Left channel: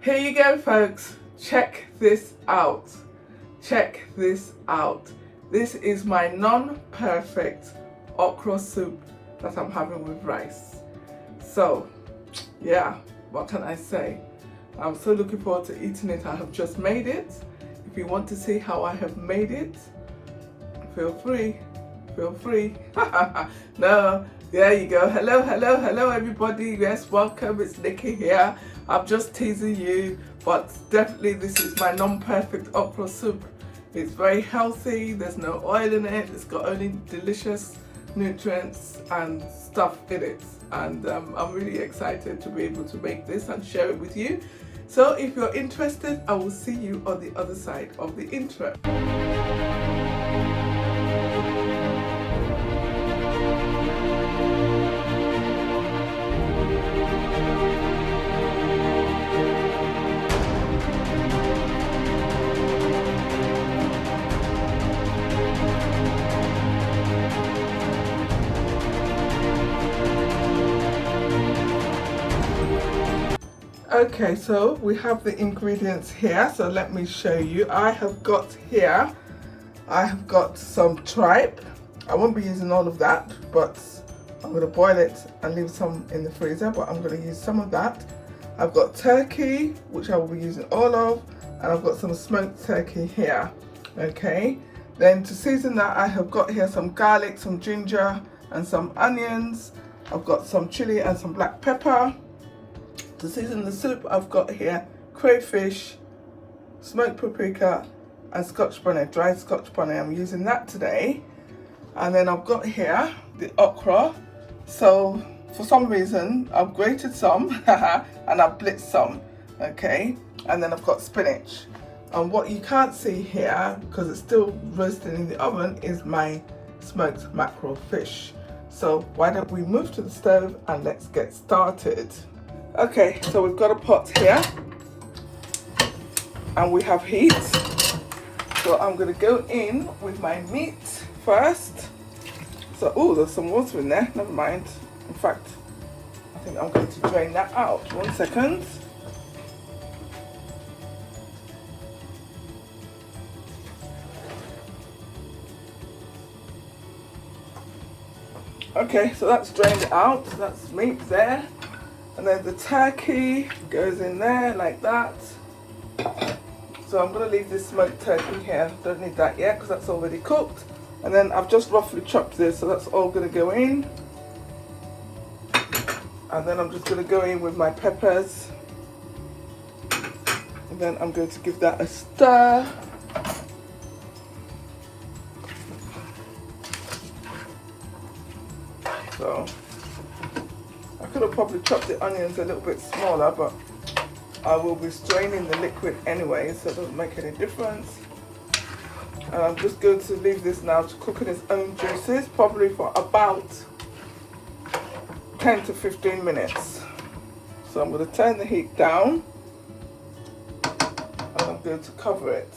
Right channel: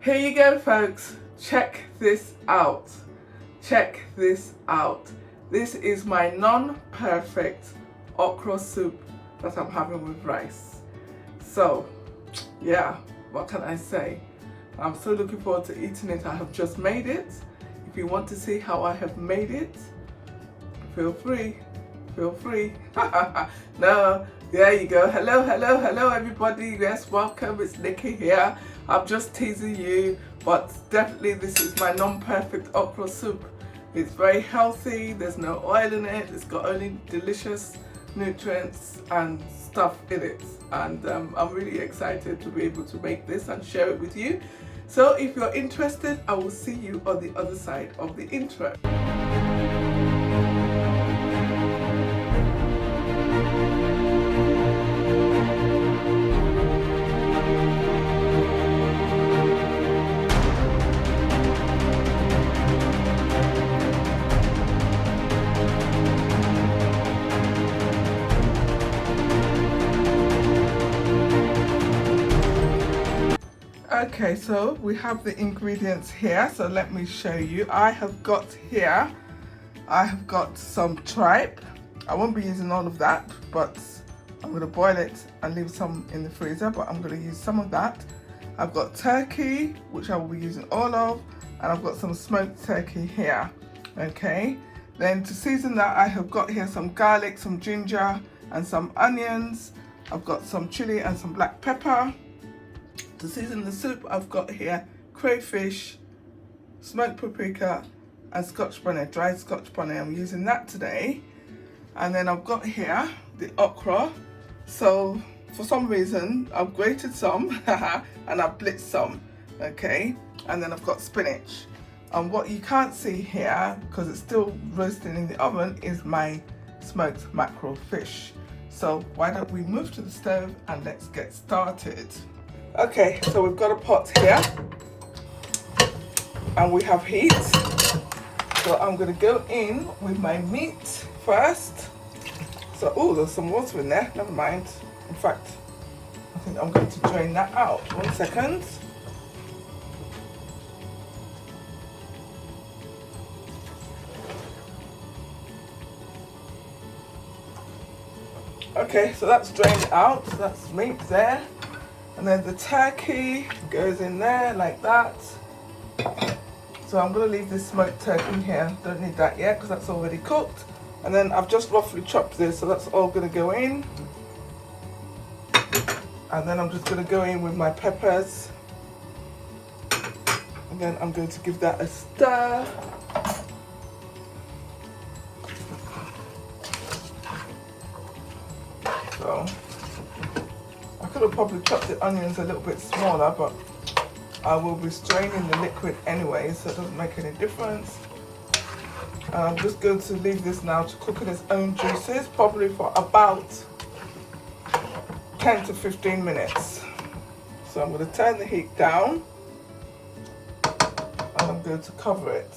Here you go, folks. Check this out. Check this out. This is my non-perfect okra soup that I'm having with rice. So, yeah, what can I say? I'm so looking forward to eating it. I have just made it. If you want to see how I have made it, feel free. Feel free. No, there you go. Hello, hello, hello, everybody. Yes, welcome. It's Nikki here. I'm just teasing you, but definitely this is my non-perfect okra soup. It's very healthy. There's no oil in it. It's got only delicious nutrients and stuff in it. And I'm really excited to be able to make this and share it with you. So if you're interested, I will see you on the other side of the intro. Okay, so we have the ingredients here, so let me show you. I have got some tripe. I won't be using all of that, but I'm going to boil it and leave some in the freezer, but I'm going to use some of that. I've got turkey, which I will be using all of, and I've got some smoked turkey here. Okay, then to season that, I have got here some garlic, some ginger, and some onions. I've got some chili and some black pepper. To season the soup, I've got here crayfish, smoked paprika, and scotch bonnet, dried scotch bonnet. I'm using that today. And then I've got here the okra. So for some reason, I've grated some and I've blitzed some, okay? And then I've got spinach. And what you can't see here, because it's still roasting in the oven, is my smoked mackerel fish. So why don't we move to the stove and let's get started. Okay, so we've got a pot here and we have heat. So I'm going to go in with my meat first. So, oh, there's some water in there, never mind. In fact, I think I'm going to drain that out. 1 second. Okay, so that's drained it out. So that's meat there. And then the turkey goes in there like that. So I'm going to leave this smoked turkey here. Don't need that yet because that's already cooked. And then I've just roughly chopped this, so that's all going to go in. And then I'm just going to go in with my peppers. And then I'm going to give that a stir. So I could have probably chopped the onions a little bit smaller, but I will be straining the liquid anyway, so it doesn't make any difference. I'm just going to leave this now to cook in its own juices, probably for about 10 to 15 minutes. So I'm going to turn the heat down and I'm going to cover it.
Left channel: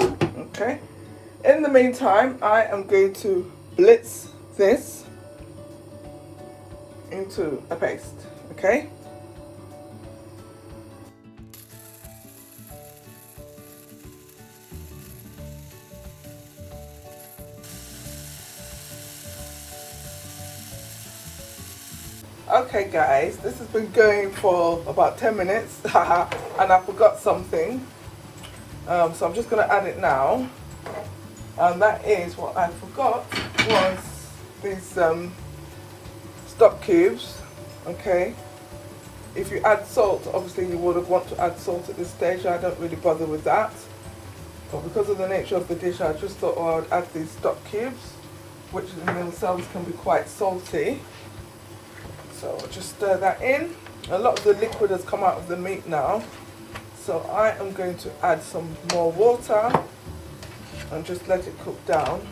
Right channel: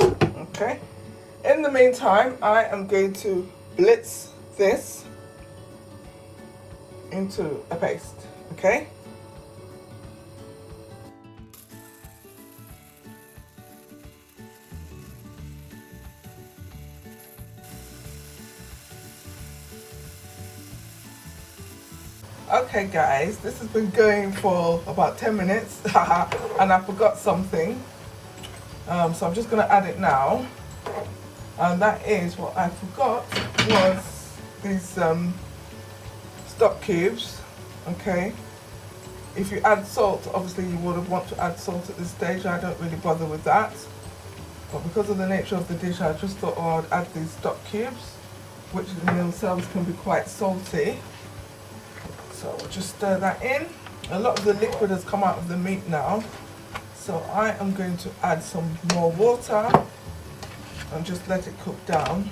Okay. In the meantime, I am going to blitz this into a paste, okay? Okay guys, this has been going for about 10 minutes and I forgot something. So I'm just gonna add it now. And that is what I forgot was these stock cubes, okay? If you add salt, obviously you would have want to add salt at this stage. I don't really bother with that. But because of the nature of the dish, I just thought I'd add these stock cubes, which in themselves can be quite salty. So we'll just stir that in. A lot of the liquid has come out of the meat now. So I am going to add some more water and just let it cook down.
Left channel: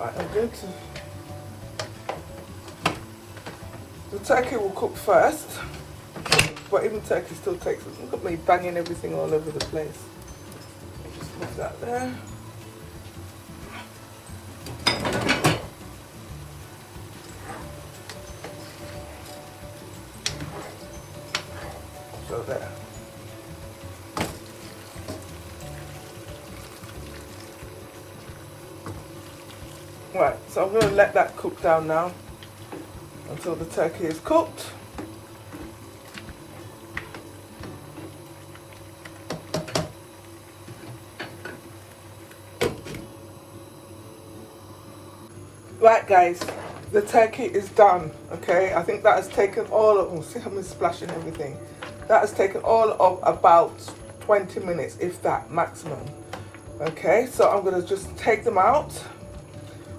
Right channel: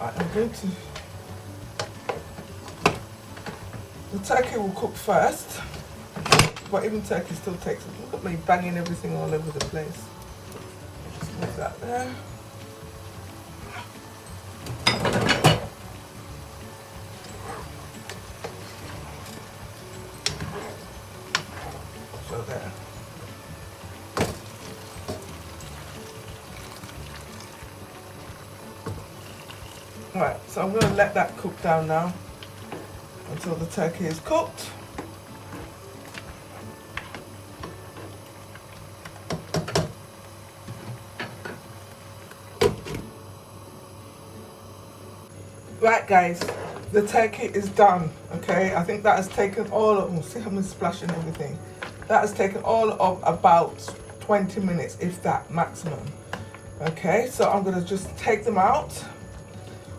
I am going to... The turkey will cook first, but even turkey still takes... Look at me banging everything all over the place. Just leave that there. go there. Right, so I'm going to let that cook down now until the turkey is cooked. Right guys, the turkey is done, okay? I think that has taken all of, oh, see how I'm splashing everything. That has taken all of about 20 minutes, if that, maximum. Okay, so I'm gonna just take them out.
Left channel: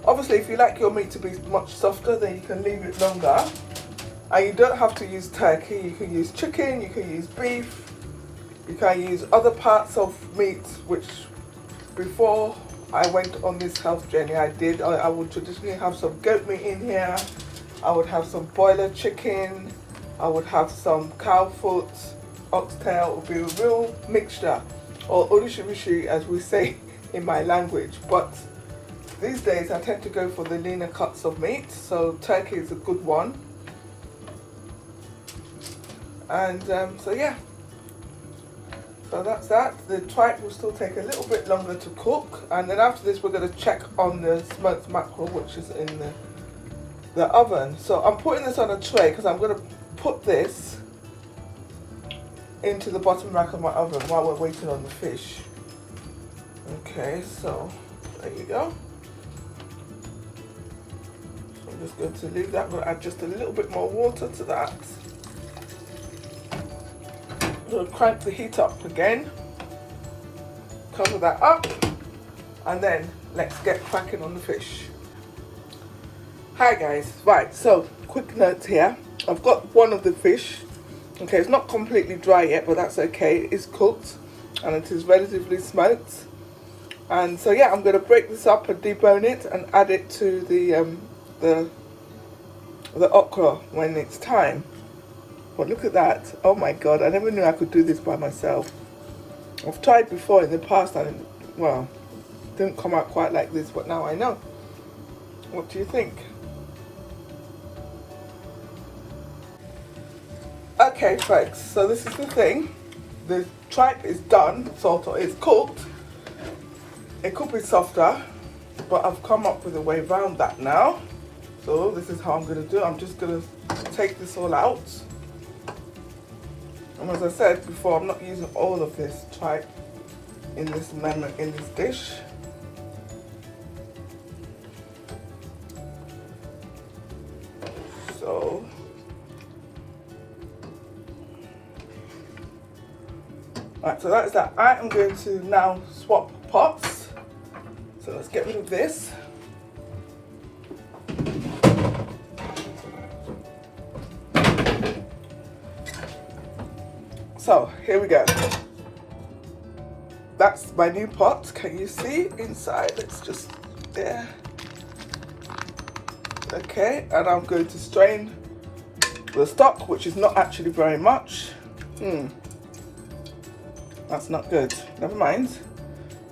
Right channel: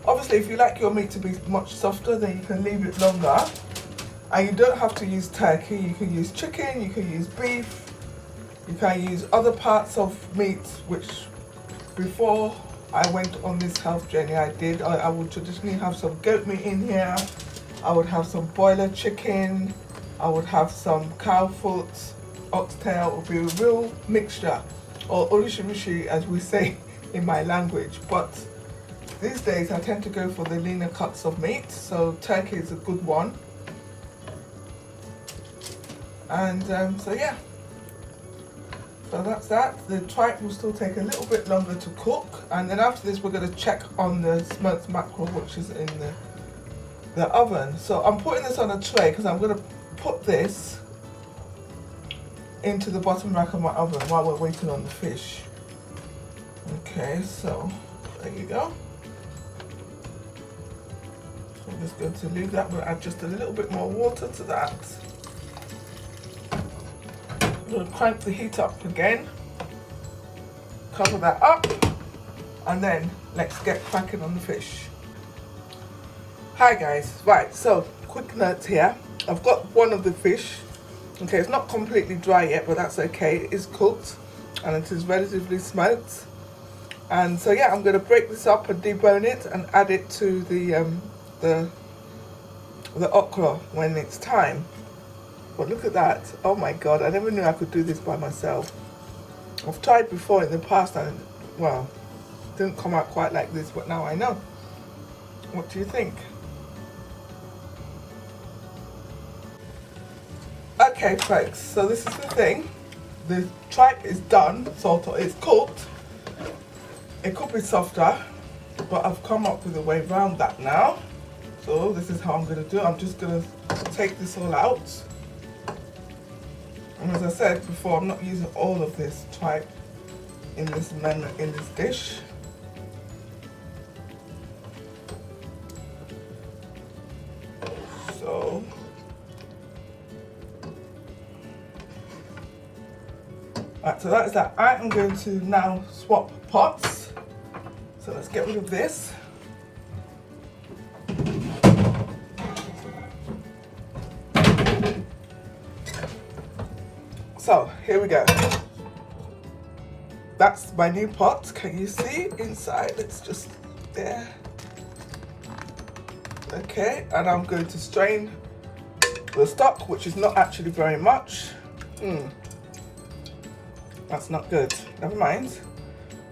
Obviously, if you like your meat to be much softer, then you can leave it longer. And you don't have to use turkey, you can use chicken, you can use beef, you can use other parts of meat, which before I went on this health journey, I would traditionally have some goat meat in here. I would have some boiler chicken. I would have some cow foot, oxtail. It would be a real mixture, or orishirishi as we say in my language. But these days I tend to go for the leaner cuts of meat, so turkey is a good one. And so yeah. So that's that. The tripe will still take a little bit longer to cook, and then after this we're going to check on the smoked mackerel, which is in the oven. So I'm putting this on a tray because I'm going to put this into the bottom rack of my oven while we're waiting on the fish. Okay, so there you go. So I'm just going to leave that. I'm going to add just a little bit more water to that. We'll crank the heat up again, cover that up, and then let's get cracking on the fish. Hi guys, right, so quick note here. I've got one of the fish. Okay, it's not completely dry yet, but that's okay. It is cooked and it is relatively smoked. And so yeah, I'm going to break this up and debone it and add it to the okra when it's time. But look at that. Oh my god, I never knew I could do this by myself. I've tried before in the past and, well, it didn't come out quite like this, but now I know. What do you think? Okay folks, so this is the thing. The tripe is done, sort of, it's cooked. It could be softer, but I've come up with a way around that now. So this is how I'm going to do it. I'm just going to take this all out. And as I said before, I'm not using all of this tripe in this dish. So right, so that is that. I am going to now swap pots. So let's get rid of this. So here we go. That's my new pot. Can you see inside? It's just there. Okay, and I'm going to strain the stock, which is not actually very much. That's not good. Never mind.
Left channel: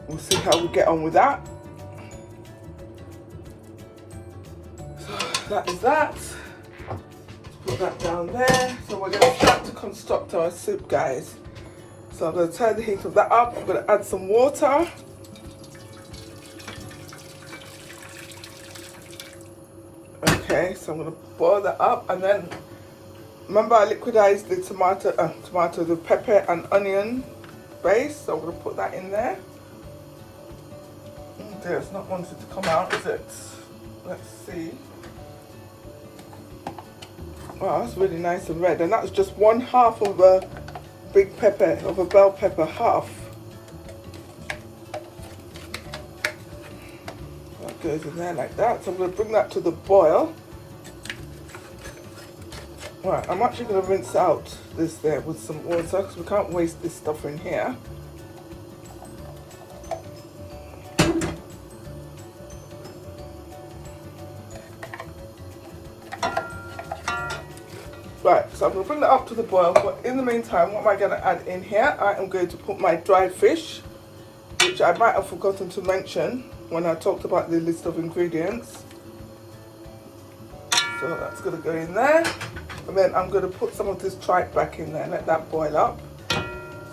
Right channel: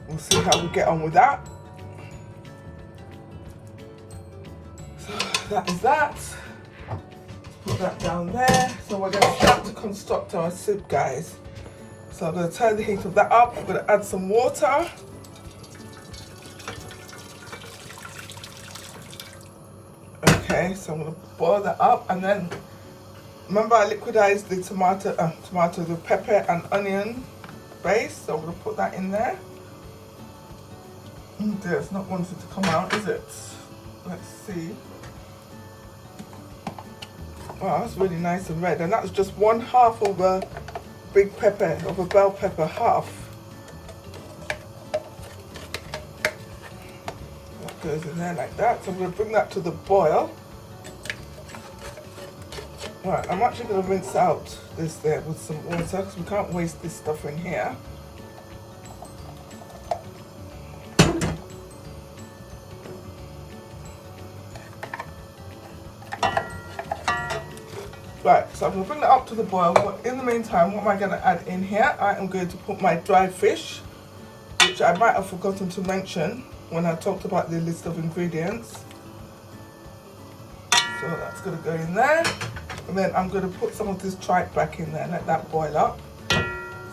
We'll see how we get on with that. So that is that. Put that down there. So we're going to start to construct our soup, guys. So I'm going to turn the heat of that up. I'm going to add some water. Okay, so I'm going to boil that up, and then remember I liquidized the the pepper and onion base. So I'm going to put that in there. Dear, it's not wanting to come out, is it? Let's see. Wow, that's really nice and red. And that's just 1/2 of a big pepper, of a bell pepper, half. That goes in there like that. So I'm going to bring that to the boil. Right, I'm actually going to rinse out this there with some water because we can't waste this stuff in here. Right, so I'm going to bring that up to the boil, but in the meantime, what am I going to add in here? I am going to put my dried fish, which I might have forgotten to mention when I talked about the list of ingredients. So that's going to go in there. And then I'm going to put some of this tripe back in there, let that boil up.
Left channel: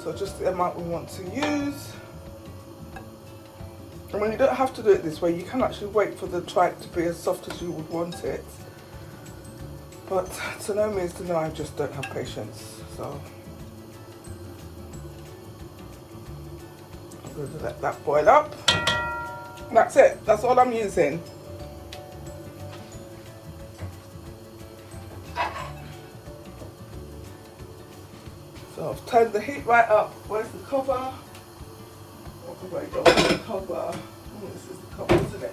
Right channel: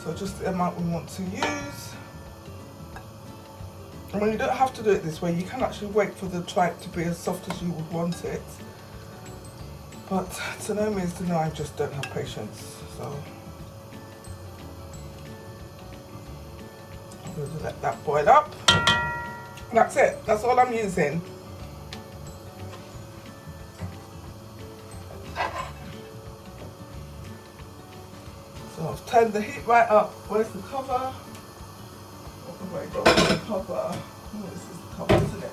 So just the amount we want to use. I mean, you don't have to do it this way. You can actually wait for the tripe to be as soft as you would want it. But to no means to know, I just don't have patience. So I'm going to let that boil up. That's it. That's all I'm using. So I've turned the heat right up. Where's the cover? Oh my God, the cover. Oh, this is the cover, isn't it?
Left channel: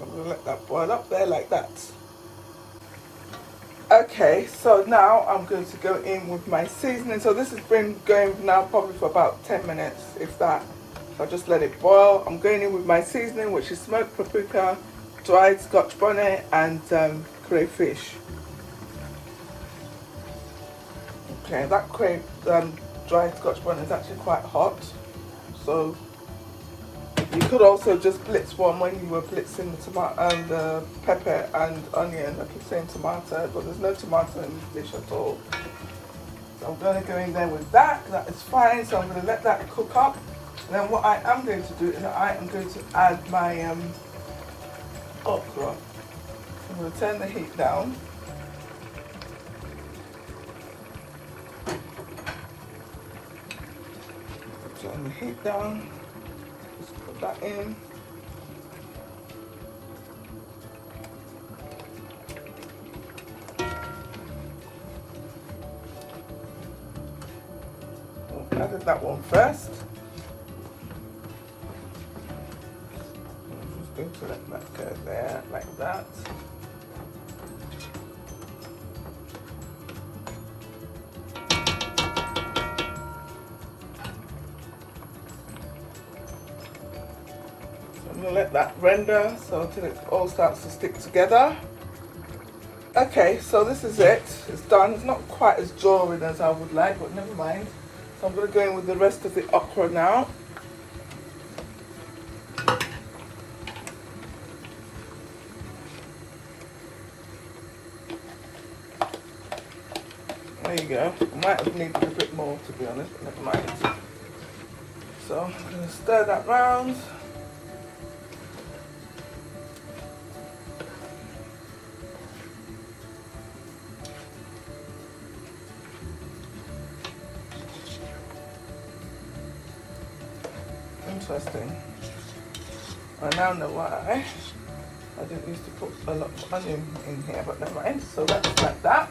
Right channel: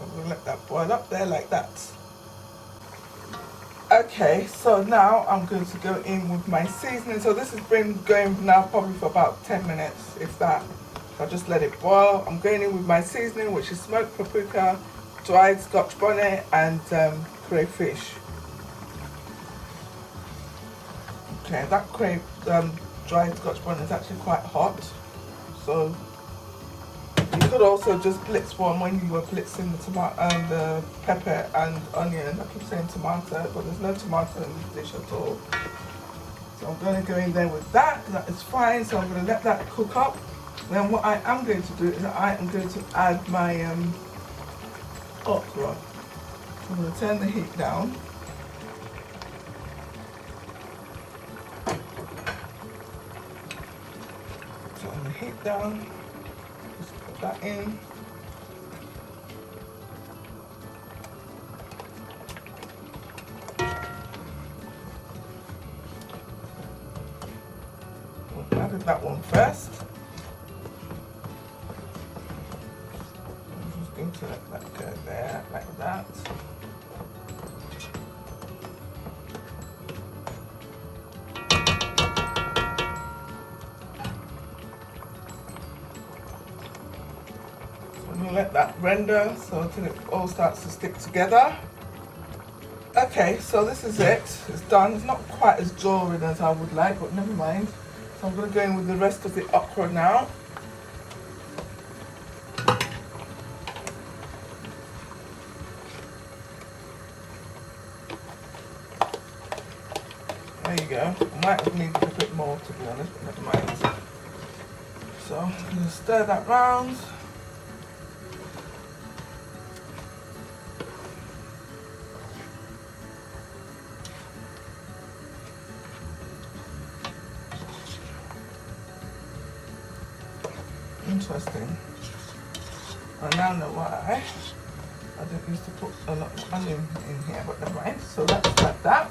I'm going to let that boil up there like that. Okay, so now I'm going to go in with my seasoning. So this has been going now probably for about 10 minutes, if that. I just let it boil. I'm going in with my seasoning, which is smoked paprika, dried scotch bonnet, and crayfish. Okay, that dried scotch bonnet is actually quite hot, so you could also just blitz one when you were blitzing the tomato and the pepper and onion. I keep saying tomato, but there's no tomato in this dish at all. So I'm going to go in there with that. That is fine. So I'm going to let that cook up. Then what I am going to do is I am going to add my okra. I'm going to turn the heat down. Turn the heat down. Just put that in. I added that one first. I'm just going to let that go there, like that. I'm going to let that render so until it all starts to stick together. Okay, so this is it. It's done. It's not quite as drawing as I would like, but never mind. So I'm going to go in with the rest of the okra now. There you go. Might have needed a bit more, to be honest, but never mind. So I'm going to stir that round. Interesting. I now know why I didn't used to put a lot of onion in here, but never mind. So let's like that.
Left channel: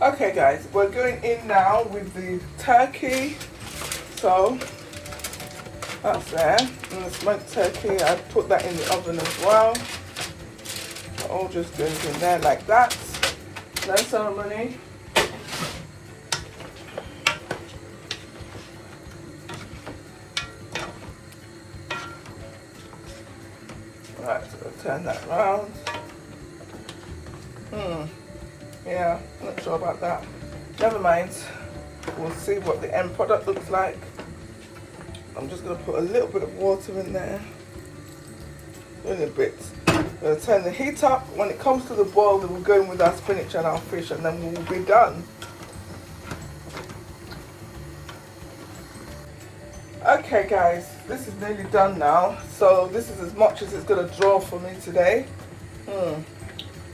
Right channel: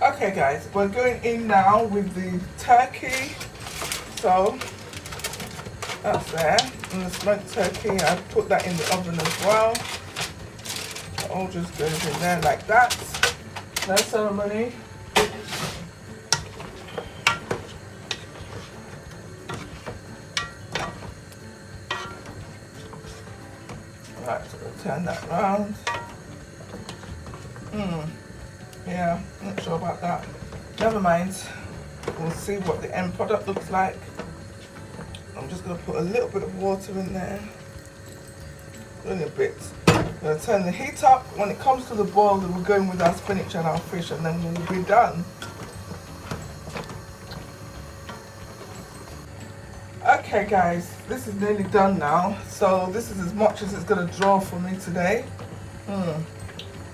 Okay guys, we're going in now with the turkey. So that's there. And the smoked turkey, I put that in the oven as well. It all just goes in there like that. No ceremony. Right, so we'll turn that round. Yeah, I'm not sure about that. Never mind. We'll see what the end product looks like. I'm just going to put a little bit of water in there. Only a bit. I'm going to turn the heat up. When it comes to the boil, then we'll go in with our spinach and our fish, and then we'll be done. Okay guys, this is nearly done now. So this is as much as it's going to draw for me today.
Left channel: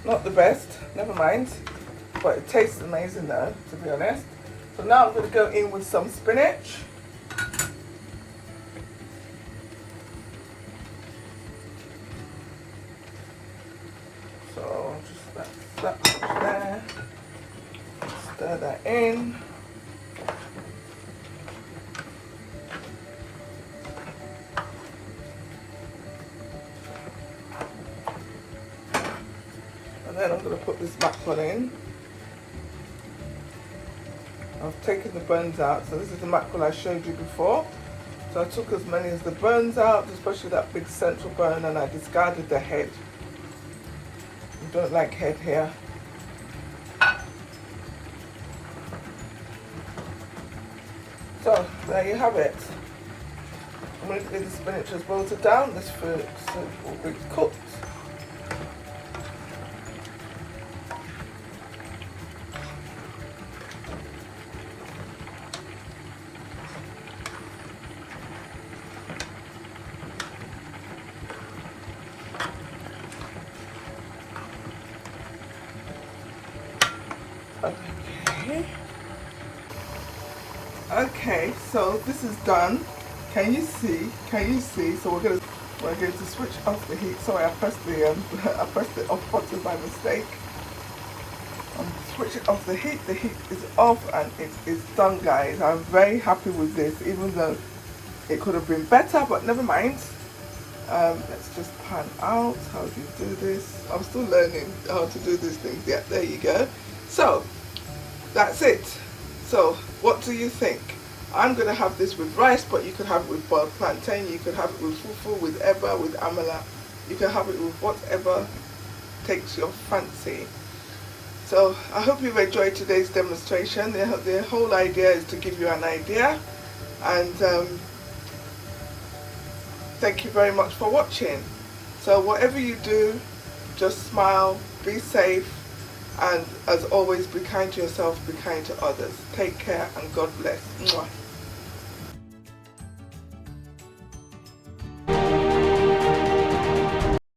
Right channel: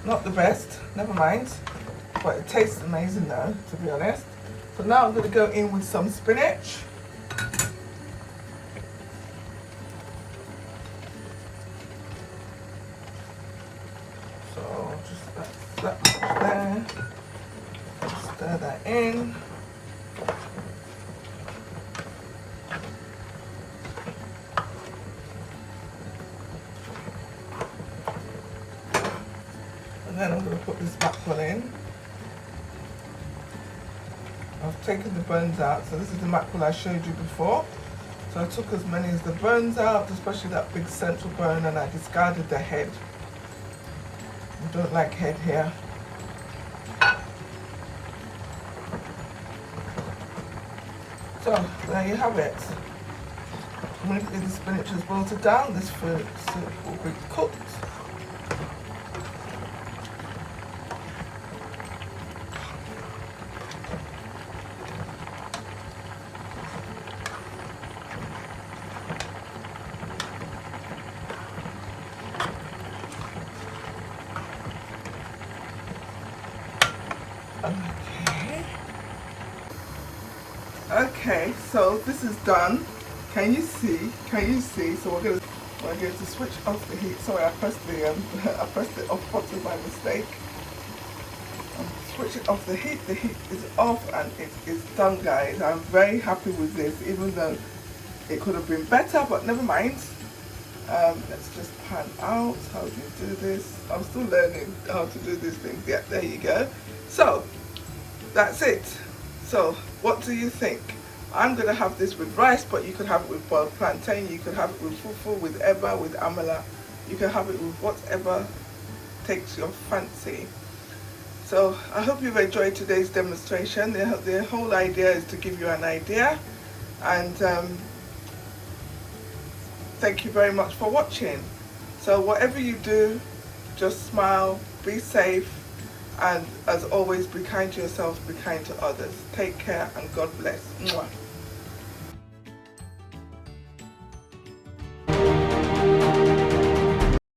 Not the best, never mind. But it tastes amazing though, to be honest. So now I'm going to go in with some spinach. So just that there. Stir that in. And then I'm going to put this mackerel in. I've taken the bones out, so this is the mackerel I showed you before. So I took as many as the bones out, especially that big central bone, and I discarded the head. I don't like head here. So there you have it. Immediately the spinach has wilted down, this fruit soup will be cooked. Okay. Okay, so this is done. Can you see? Can you see? So we're going to switch off the heat. Sorry, I pressed the I pressed the off button by mistake. I'm switching off the heat. The heat is off and it is done, guys. I'm very happy with this, even though it could have been better, but never mind. Let's just pan out. How do you do this? I'm still learning how to do these things. Yeah, there you go. So that's it. So what do you think? I'm going to have this with rice, but you could have it with boiled plantain, you could have it with fufu, with eba, with amala. You can have it with whatever takes your fancy. So I hope you've enjoyed today's demonstration. The whole idea is to give you an idea, and thank you very much for watching. So whatever you do, just smile, be safe, and as always, be kind to yourself, be kind to others. Take care and God bless. Mwah.